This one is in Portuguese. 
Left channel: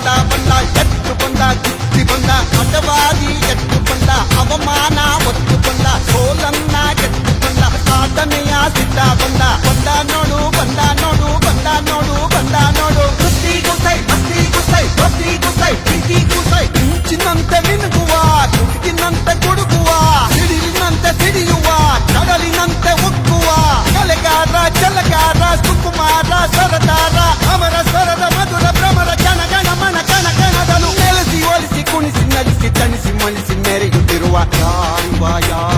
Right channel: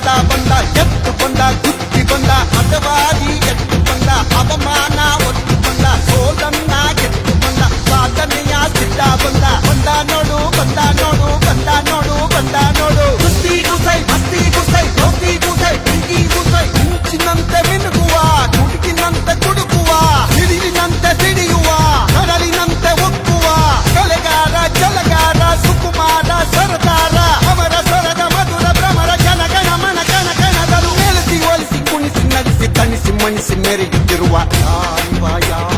Stop. Eu quero a Vai, vai, vai